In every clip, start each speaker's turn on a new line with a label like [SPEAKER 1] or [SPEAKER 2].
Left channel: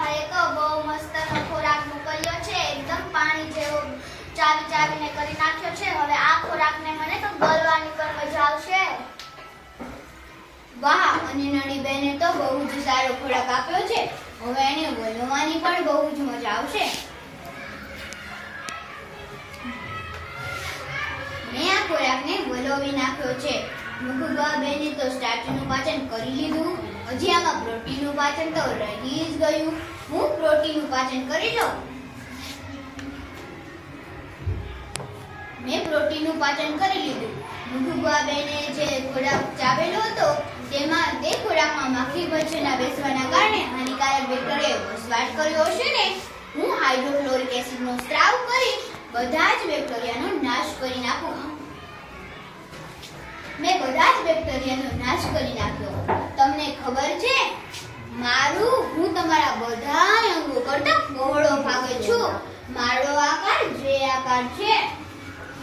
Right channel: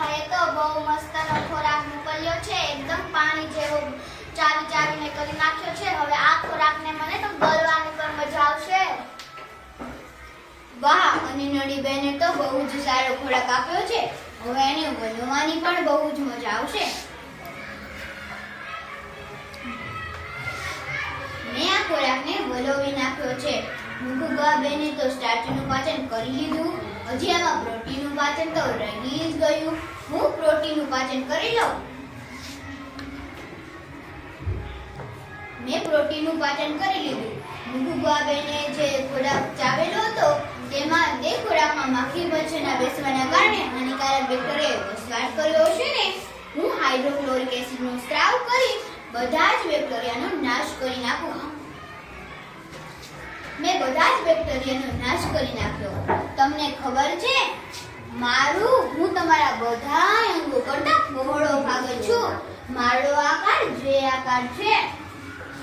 [SPEAKER 1] ઘરે તો બહુ મસ્તનો ખોરાક મોકલ્યો છે, એકદમ પાણી જેવો ચાવી ચાવીને કરી નાખ્યો છે. હવે આ ખોરાક ને મને તો ગળવાની પણ મજા આવશે.
[SPEAKER 2] વાહ, અની નડી બેને તો બહુ જ સારો ખોરાક આપ્યો છે. હવે એને ગળવાની પણ બહુ જ મજા આવશે. મેં આ ખોરાકને વલોવી નાખ્યો છે. મુખુબા બેને તો સ્ટાર્ચનું પાચન કરી લીધું. હજી આમાં પ્રોટીનનું પાચન તો રહી જ ગયું. હું પ્રોટીનનું પાચન કરી લઉં? મેં પ્રોટીનનું પાચન કરી લીધું. મુખુબા બેને જે ખોરાક ચાવેલો હતો, તેમાં તે ખોરાકમાં માખી મચ્છરના બેસવાના કારણે હાનિકારક બેક્ટેરિયાએ વસવાટ કર્યો હશે ને? હું હાઇડ્રોક્લોરિક એસિડનો સ્ત્રાવ કરી બધા જ બેક્ટેરિયાનો નાશ કરી નાખું. મેં બધા જ બેક્ટેરિયાનો નાશ કરી નાખ્યો. મારું, હું તમારા બધા અંગો કરતા બહોળો ભાગે છું. મારો આકાર જે આકાર છે.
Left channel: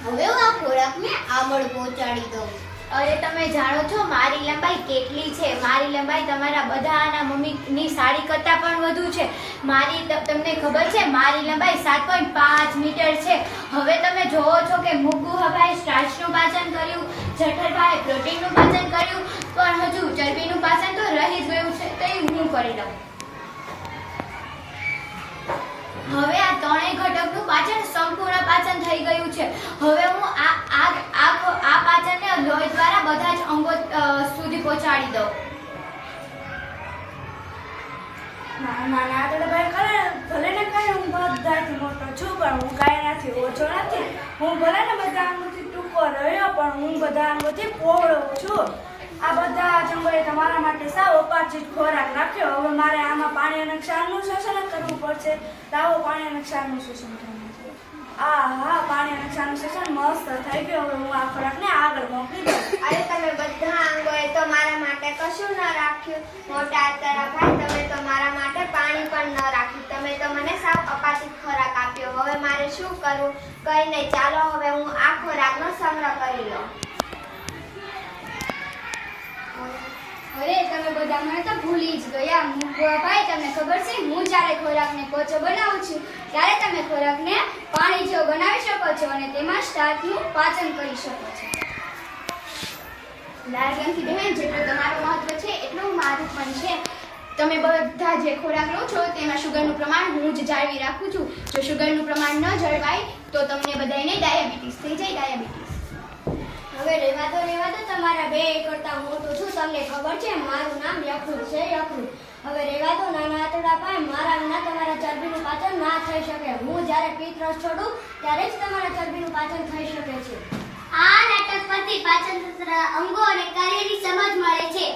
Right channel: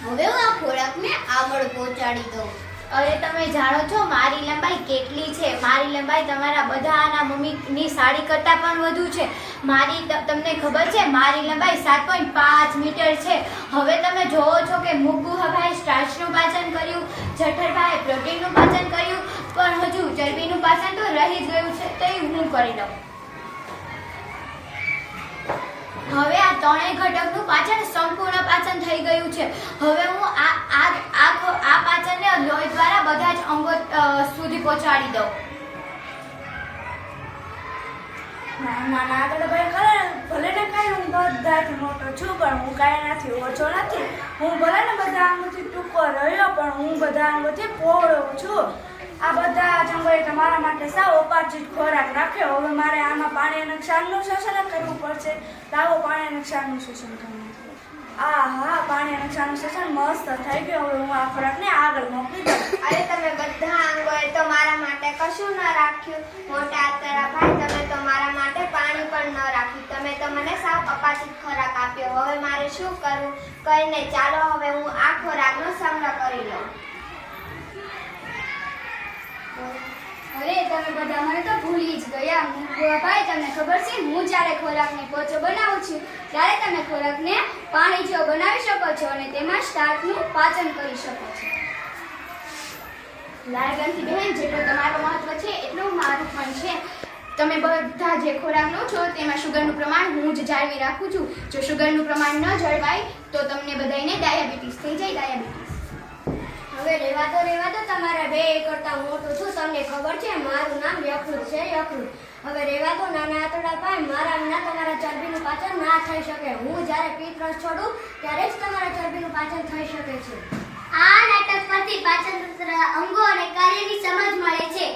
[SPEAKER 2] હવે હું આ ખોરાકને આગળ પહોંચાડી દઉં.
[SPEAKER 1] અરે તમે જાણો છો મારી લંબાઈ કેટલી છે? મારી લંબાઈ તમારા બધાના મમ્મીની સાડી કરતાં પણ વધુ છે. મારી તમને ખબર છે, મારી લંબાઈ સાત પોઈન્ટ પાંચ મીટર છે. હવે તમે જોવો છો કે મુગ્ગુભાઈ સ્ટાર્ચનું પાચન કર્યું, જઠરભાઈએ પ્રોટીનનું પાચન કર્યું પણ હજુ ચરબીનું પાચન તો રહી જ ગયું હું કરી લઉં હવે આ ત્રણેય ઘટકનું પાચન સંપૂર્ણ પાચન થઈ ગયું છે. હવે હું આ આ આ પાચનને લોહી દ્વારા બધા જ અંગો સુધી પહોંચાડી દઉં.
[SPEAKER 3] નાના તો ભાઈ કરે ભલે ને કાંઈ હું બધાથી મોટો છું, પણ હું કાંઈ નથી, ઓછો નથી. હું ભલે ને બધા અંગોથી ટૂંકો રહ્યો, પણ હું બધા અંગોથી પહોળો છું. આ બધા જ અંગોએ તમારા માટે સાવ ઉપાર્જિત ખોરાક રાખ્યો. હવે મારે આમાં પાણી અને ક્ષારનું શોષણ કરવું પડશે. લાવો, પાણી અને ક્ષારનું શોષણ કરવું આ હા પાણી અને ક્ષારનું શોષણ મસ્ત થઈ ગયું. હવે હું આ ખોરાકને આગળ મોકલી દઉં.
[SPEAKER 2] અરે તમે બધા અંગોએ તો મારા માટે કશું ન રાખ્યું. મોટા તારા ભાઈ, તમે તો મારા માટે પાણી પણ ન રાખ્યું. તમે તો મને સાવ અપાચિત ખોરાક આપ્યો. હવે મારે શું કરવું કઈ નહીં. ચાલો, હવે હું આ ખોરાકનો સંગ્રહ કરી લઉં.
[SPEAKER 1] અરે, તમે બધા મને ભૂલી જ ગયા. ભાઈ, તમને ખબર છે, હું જ્યારે ખોરાકને કોચો બનાવું છું, ત્યારે તમે ખોરાકને પાણી જેવો બનાવી શકો છો અને તેમાં સ્ટાર્ચનું પાચન કરી શકો છો. લાલગંથી બહેન, જેટલું તમારું મહત્વ છે, એટલું મારું પણ છે. તમે બધા જે ખોરાક લો છો, તેમાં શુગરનું પ્રમાણ હું જ જાળવી રાખું છું. જો શુગરનું પ્રમાણ ન જળવાય, તો તમને બધાને ડાયાબિટીસ થઈ જાય, ડાયાબિટીસ.
[SPEAKER 3] હવે રહેવા દો રહેવા દો તમારા બે કરતા મોટું છું. તમને ખબર છે, મારું નામ યકૃત છે યકૃત હવે રહેવા દો નાના આતોડા પાય, મારા વિના તમારા ચરબીનું પાચન ના થઈ શકે. હું જ્યારે પિત્ત છોડું, ત્યારે જ તમારા ચરબીનું પાચન થઈ શકે છે.
[SPEAKER 1] આ નાટક પરથી પાચન તંત્ર અંગો અને કાર્યની સમજ મળે છે.